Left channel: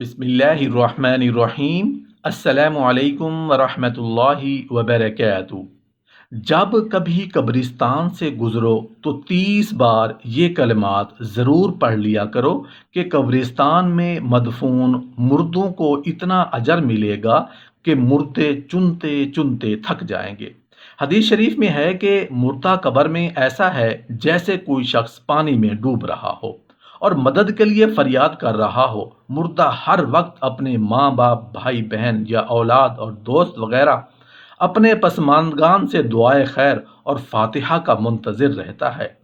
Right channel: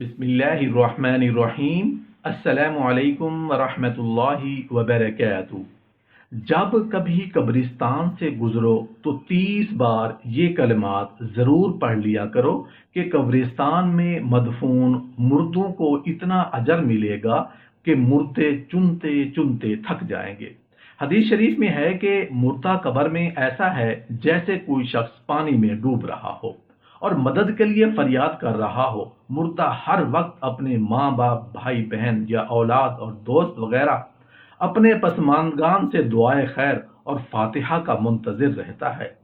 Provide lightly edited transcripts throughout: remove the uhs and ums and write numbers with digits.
बिस्मिल्लाहिर्रहमानिर्रहीम। अस्सलामु अलैकुम वरहमतुल्लाहि वबरकातुहू। जब कभी कब्रिस्तान से गुजरो तो 30 बार ये कलमात ज़रूर पढ़ लिया करो कि कब्रिस्तान में मदफून मुर्दों को इतना अजर मिलेगा कि मुर्दे चुनते चुनते थक जाएंगे। हदीस शरीफ में है कि मुर्दा कब्र में ऐसा है जैसे कोई शख्स पानी में डूब रहा हो और मदद के लिए फरियाद कर रहा हो। मुर्दा हर वक्त अपने माँ बाप, भाई बहन या औलाद और दोस्त वगैरह अपने पसमानगान से दुआए खैर और फातिहा का मुंतज़िर रहता है।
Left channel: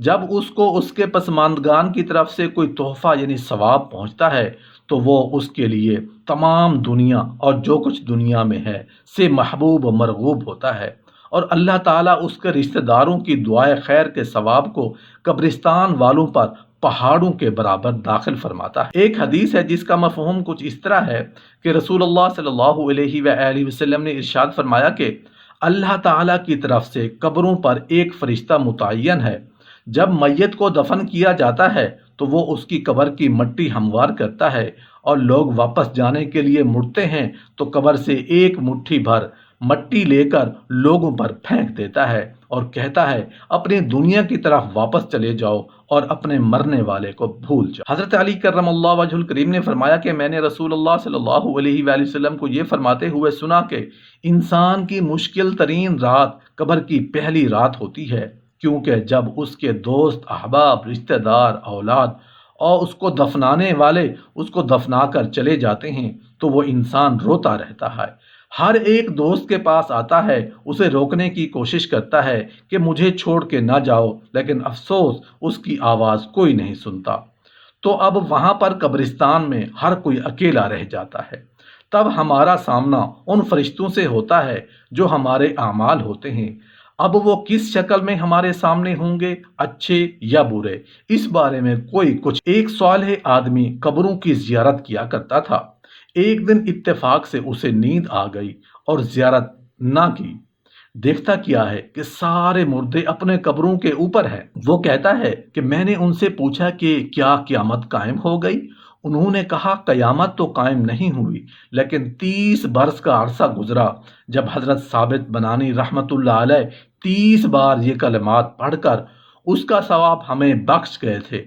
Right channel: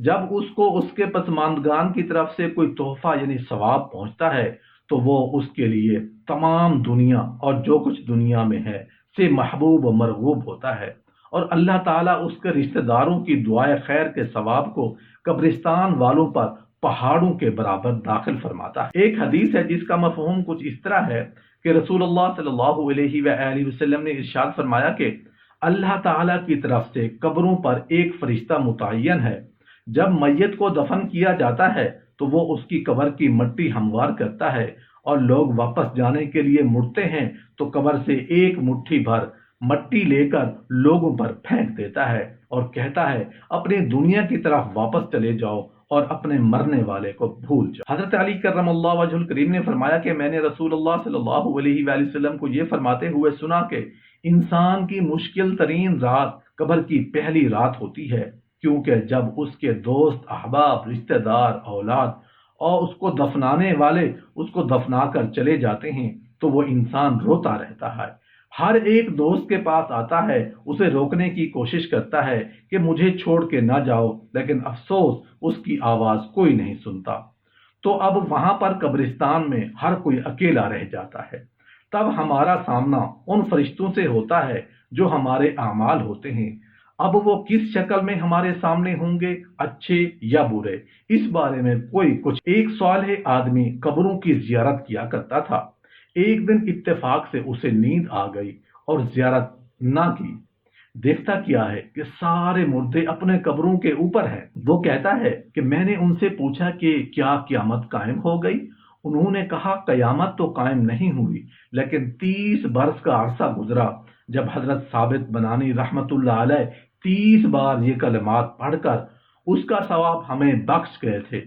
जब उसको उसके पसमानदगान की तरफ से कोई तोहफा यानी सवाब पहुंचता है तो वो उसके लिए तमाम दुनिया और जो कुछ दुनिया में है से महबूब व मरगूब होता है, और अल्लाह ताला उसके रिश्तेदारों की दुआए खैर के सवाब को कब्रिस्तान वालों पर पहाड़ों के बराबर दाखिल फरमाता है। एक हदीस है जिसका मफहूम कुछ इस तरह है कि रसूलुल्लाह सल्लल्लाहु अलैहि वसल्लम ने इरशाद फरमाया कि अल्लाह ताला की तरफ से कब्रों पर एक फरिश्ता मुतय्यन है। जब मैयत को दफन किया जाता है तो वो उसकी कब्र की मट्टी हमवार करता है और लोग वापस जाने के लिए मुड़ते हैं तो कब्र से एक मुट्ठी भर मट्टी लेकर लोगों पर फेंक देता है और कहता है अपनी दुनिया की तरफ वापस चले जाओ और अपने मरने वाले को भूल जाओ। हजरत अली करमल्लाहु वजहुल करीम ने फरमाया कि मैंने रसूलुल्लाह सल्लल्लाहु अलैहि वसल्लम को ये फरमाते हुए सुना कि इंसान की मुश्किल तरीन रात कब्र की पहली रात होती है, क्योंकि जब उसके दोस्त, अहबाब, रिश्तेदार, औलाद और उसको दफनाने वाले उसको दफना कर चले जाते हैं तो वो इंसान रोता रहता है। हर एक दोस्त के पास आता है, उसे रोकने की कोशिश करता है कि मुझे छोड़ के ना जाओ, लेकिन अफसोस उसकी आवाज़ कोई नहीं सुनता। तो अब वहां पर कब्रिस्तान में हर कोई अकेला रह जाता है। तब हमारा सामना उन फरिश्तों से होता है जो हमारे आमाल होते हैं। अब वो किस शक्ल में हमारे सामने होंगे, अच्छे या बुरे, इस बारे में कोई कुछ। एक सालेह आदमी कब्रों की जियारत किया करता था। एक दिन इत्तेफाक से उसे नींद आ गई और जियारत ना की। देखता क्या है कि सारे मुर्दे अपने कब्रों के ऊपर हैं। वो कहता है कि मैंने उनसे पूछा कि क्या क़यामत कायम हो गई। उन्होंने कहा कयामत तो कायम नहीं हुई, लेकिन 30 बरस का अरसा गुजरा जब हजरत साबित बनानी रहमतुल्लाह अलैह 30 बार ये कलमात पढ़कर उसका सवाब हमें बख्श गए थे।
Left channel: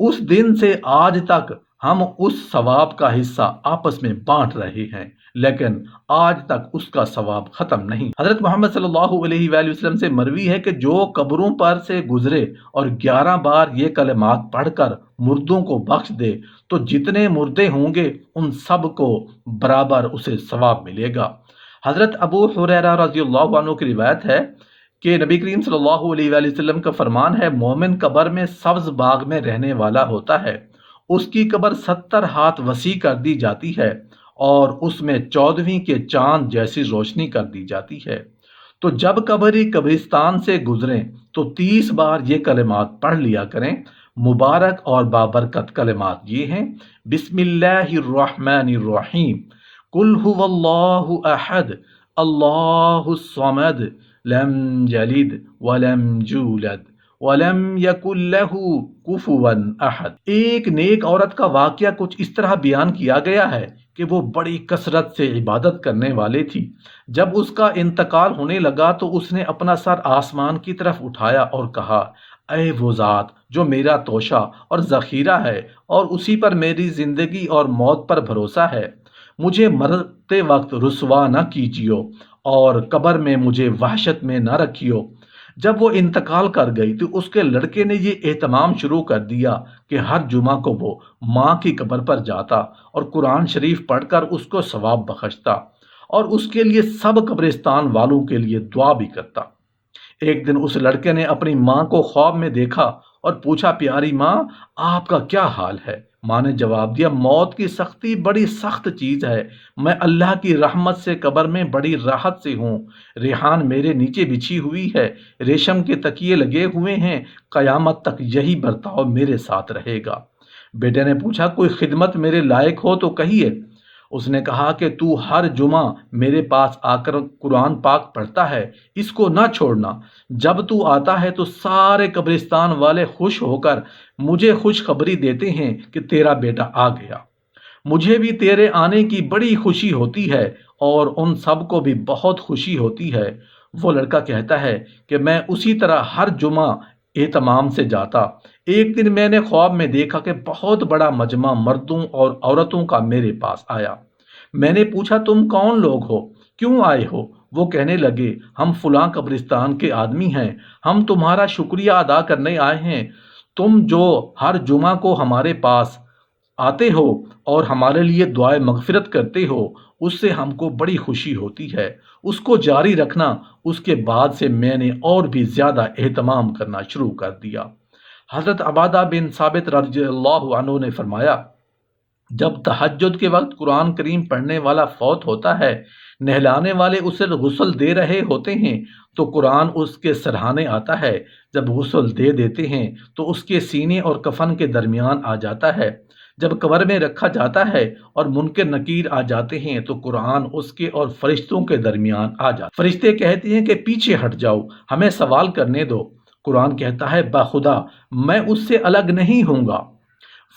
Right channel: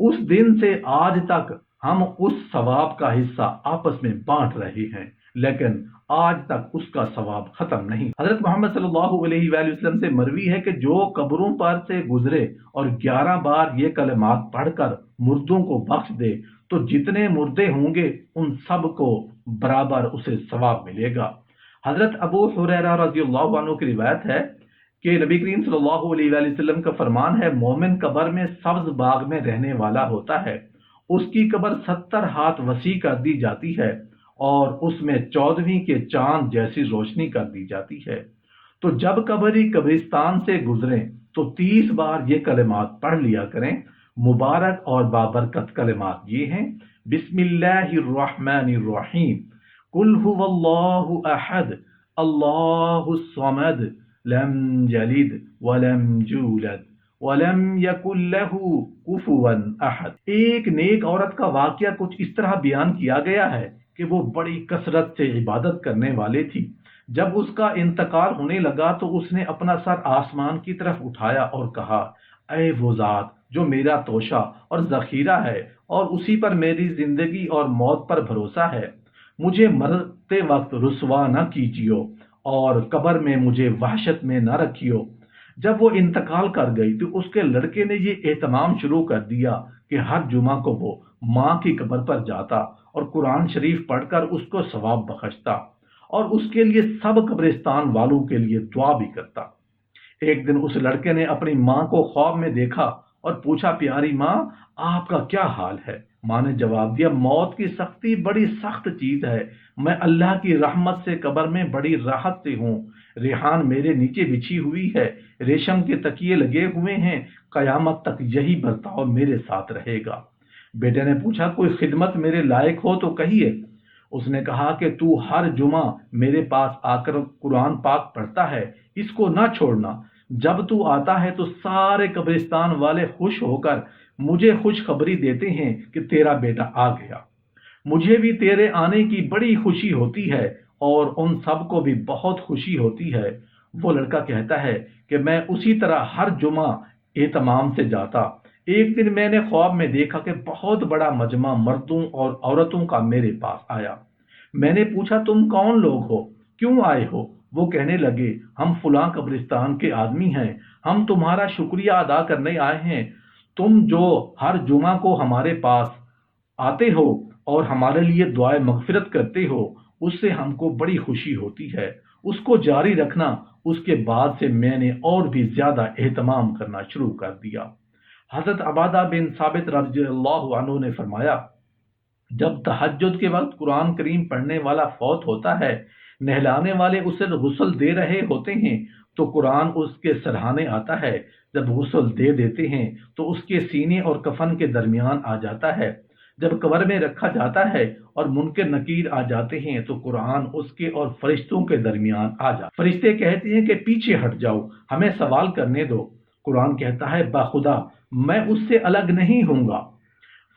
उस दिन से आज तक हम उस सवाब का हिस्सा आपस में बांट रहे हैं, लेकिन आज तक उसका सवाब खत्म नहीं। हजरत मोहम्मद सल्लल्लाहु अलैहि वसल्लम से मरवी है कि जो कब्रों पर से गुजरे और 11 बार ये कलमात पढ़कर मुर्दों को बख्श दे तो जितने मुर्दे होंगे उन सब को बराबर उसे सवाब मिलेगा। हजरत अबू हुरैरा रज़ियल्लाहु अन्हु की रिवायत है कि नबी करीम सल्लल्लाहु अलैहि वसल्लम का फरमान है, मोमिन कब्र में सब्ज बाग में रहने वाला होता है, उसकी कब्र 70 हाथ वसी कर दी जाती है और उसमें 14वीं के चांद जैसी रोशनी कर दी जाती है। तो जब कब्री कब्रिस्तान से गुजरें तो 30 बार ये कलिमात पढ़ लिया करें। मुबारक और बाबरकत कलिमात ये हैं, बिस्मिल्लाहिर्रहमानिर्रहीम, कुल हुवल्लाहु अहद, अल्लाहुस समद, लम यलिद वलम यूलद वलम यकुल लहू कुफुवन अहद। एक नेक औरत का वाकया कुछ इस तरह बयान किया गया है कि वो बड़ी कसरत से इबादत करने वाली थी। जब उसका इंतकाल होने लगा तो उसने अपना सर आसमान की तरफ उठाया और कहा, ऐ वो ज़ात जो मेरा तोशा और ज़ख़ीरा है और उसी पर मेरी ज़िंदगी और मौत पर भरोसा है, मुझे मरते वक्त रुसवा न कीजियो और कब्र में मुझे वहशत में न रखियो। जब वो इंतकाल कर गई तो उसके लड़के ने ये एहतमाम शुरू कर दिया कि हर जुमा को वो माँ की कब्र पर जाता और कुरान शरीफ पढ़कर उसको सवाब बख्शता और उसके लिए सब कब्रिस्तान वालों के लिए दुआ भी करता। एक दिन उस लड़के ने अपनी माँ को ख्वाब में देखा और पूछा, प्यारी माँ आपका क्या हाल है। माँ ने जवाब दिया, मौत की सख्ती बड़ी सख्त चीज है, मैं अल्लाह की रहमत से कब्र में बड़ी राहत से हूँ। रेहान मेरे नीचे बिछी हुई है, रेशम के तकिए लगे हुए हैं, कयामत तक यही बर्ताव मेरे साथ रहेगा। बेटे ने पूछा, कोई खिदमत मेरे लायक हो तो कहिए। उसने कहा कि तू हर जुमा मेरे पास आकर कुरान पाक पढ़ता है, इसको ना छोड़ना। जब तू आता है तो सारे कब्रिस्तान वाले खुश होकर मुझे खुशखबरी देते हैं कि तेरा बेटा आ गया। मुझे भी तेरे आने की बड़ी खुशी होती है और उन सब को भी बहुत खुशी होती है। वो लड़का कहता है कि मैं उसी तरह हर जुमा एहतमाम से जाता। एक दिन मैंने ख्वाब में देखा कि बहुत बड़ा मजमा मर्दों और औरतों का मेरे पास आया। मैंने पूछा, तुम कौन लोग हो, क्यों आए हो? वो कहने लगे, हम फलां कब्रिस्तान के आदमी हैं, हम तुम्हारा शुक्रिया अदा करने आए हैं। तुम जो हर जुमा को हमारे पास आते हो और हमारे लिए दुआए मगफिरत करते हो, उससे हमको बड़ी खुशी होती है। उसको जारी रखना। उसके बाद से मैंने और भी ज्यादा एहतमाम करना शुरू कर दिया। हजरत अबादा बिन साबित रज़ियल्लाहु अन्हु ने फरमाया, जब तहज्जुद के वक्त कुरान करीम पढ़ने वाला फौत होता है, नहलाने वाले उसे गुस्ल दे रहे होते हैं तो कुरान उसके सरहाने आता है। जब गुस्ल दे देते हैं तो उसके सीने और कफन के दरमियान आ जाता है। जब कब्र में रखा जाता है और मुनकर नकीर आ जाते हैं तो कुरान उसके और फरिश्तों के दरमियान आ जाता है। फरिश्ते कहते हैं कि पीछे हट जाओ, हमें सवाल करने दो। कुरान कहता है, बाखुदा मैं उससे अलग नहीं हूँगा।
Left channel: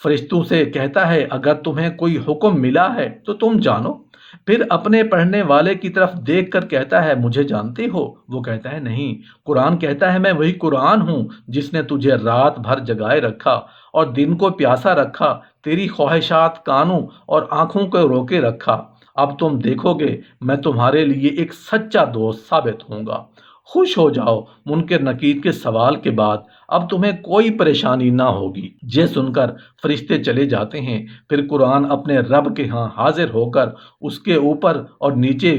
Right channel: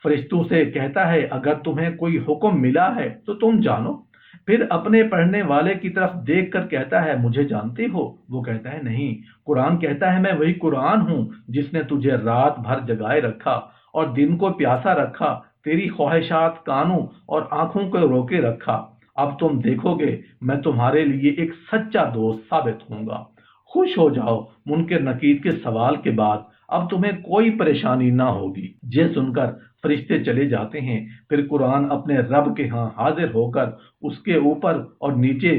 फरिश्तों से कहता है, अगर तुम्हें कोई हुक्म मिला है तो तुम जानो। फिर अपने पढ़ने वाले की तरफ देख कर कहता है, मुझे जानते हो? वो कहता है, नहीं। कुरान कहता है, मैं वही कुरान हूँ जिसने तुझे रात भर जगाए रखा और दिन को प्यासा रखा, तेरी ख्वाहिशात कानों और आंखों को रोके रखा। अब तुम देखोगे मैं तुम्हारे लिए एक सच्चा दोस्त साबित होऊंगा। खुश हो जाओ, मुनकर नकीर के सवाल के बाद अब तुम्हें कोई परेशानी ना होगी। ये सुनकर फरिश्ते चले जाते हैं। फिर कुरान अपने रब के यहाँ हाजिर होकर उसके ऊपर और नीचे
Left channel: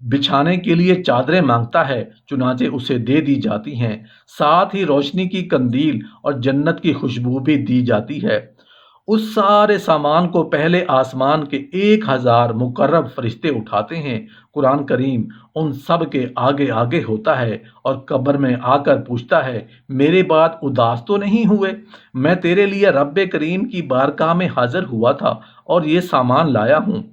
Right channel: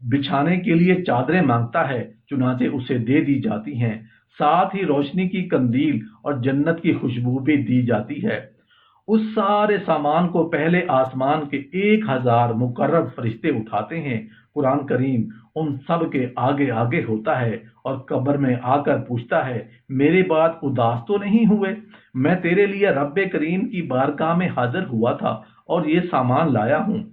बिछाने के लिए चादरें मांगता है, चुनाचे उसे दे दी जाती हैं। साथ ही रोशनी की कंदील और जन्नत की खुशबू भी दी जाती है। उस सारे सामान को पहले आसमान के 1000 मुकर्रब फरिश्ते उठाते हैं। कुरान करीम उन सब के आगे आगे होता है और कब्र में आकर पूछता है, मेरे बाद उदास तो नहीं हुए? मैं तेरे लिए रब्बे करीम की बारगाह में हाजिर हुआ था और ये सामान लाया हूँ।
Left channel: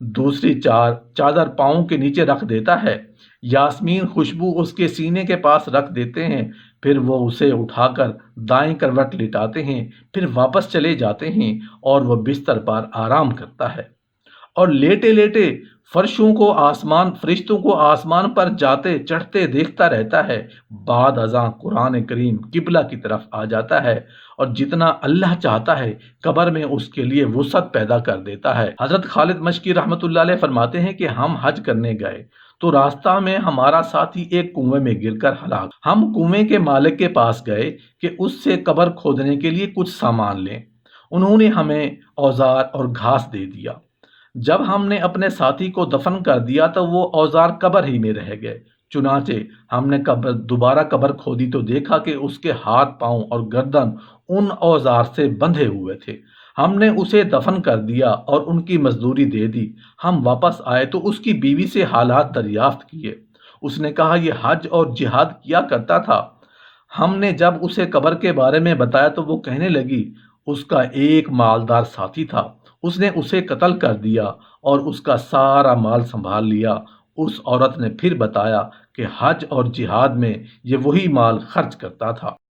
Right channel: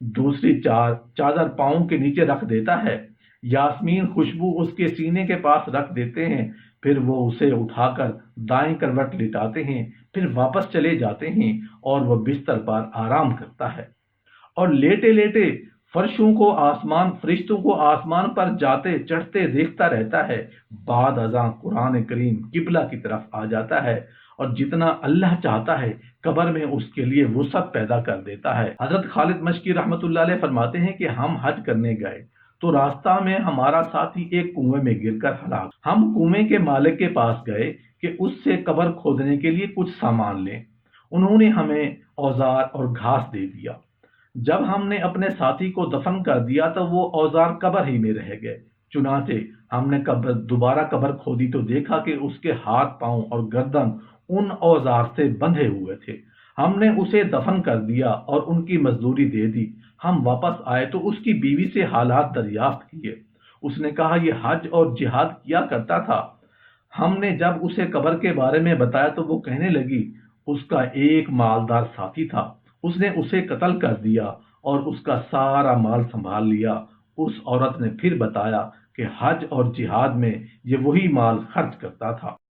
दूसरी चादर पाँव के नीचे रख देता है। यास्मीन खुशबू उसके सीने के पास रख देते हैं। फिर वो उसे उठाकर दाएं करवट लिटाते हैं। फिर वापस चले जाते हैं और वह बिस्तर पर आराम करता है और लेटे लेटे फरिश्तों को आसमान पर जाते चढ़ते देखता रहता है। बाद अज़ां कुरान करीम किबला की तरफ आ जाता है और जितना अल्लाह चाहता है कब्र में उसके लिए वुसअत पैदा कर देता है। हजरत खालिद मशकी रहमतुल्लाह अलैह फरमाते हैं कि हम हज करने गए तो रास्ता में हमारा साथी एक कुएं में गिरकर हलाक। हम कुएं के मालिक के पास गए कि उससे कब्र खोदने के लिए कुछ सामान लें। उन्होंने हमें औजार और घास दे दिया। जब हमने अपने साथी को दफन कर दिया तो वो औजार कब्र ही में रह गए। चुनाचे हमने दोबारा कब्र खोदी तो देखा कि उसके हाथ पांव और गर्दन उन औजार से बंधे हुए थे। हमने उसे दफन कर दिया और उनकी मजदूरी दे दी। हम वापस आए तो उसकी बीवी से हालात दरियाफ्त किए। उसने कहा, यह हज और जिहाद किया करता था। हमने जब उसे कब्र के बारे में बताया तो वो कहने लगी, उसका एक मालदार साथी था, उसने उसे कत्ल कर दिया और उसका सारा माल संभाल लिया। उस औरत ने फिर बताया कि हज और जिहाद में ये वही माल खर्च करता था।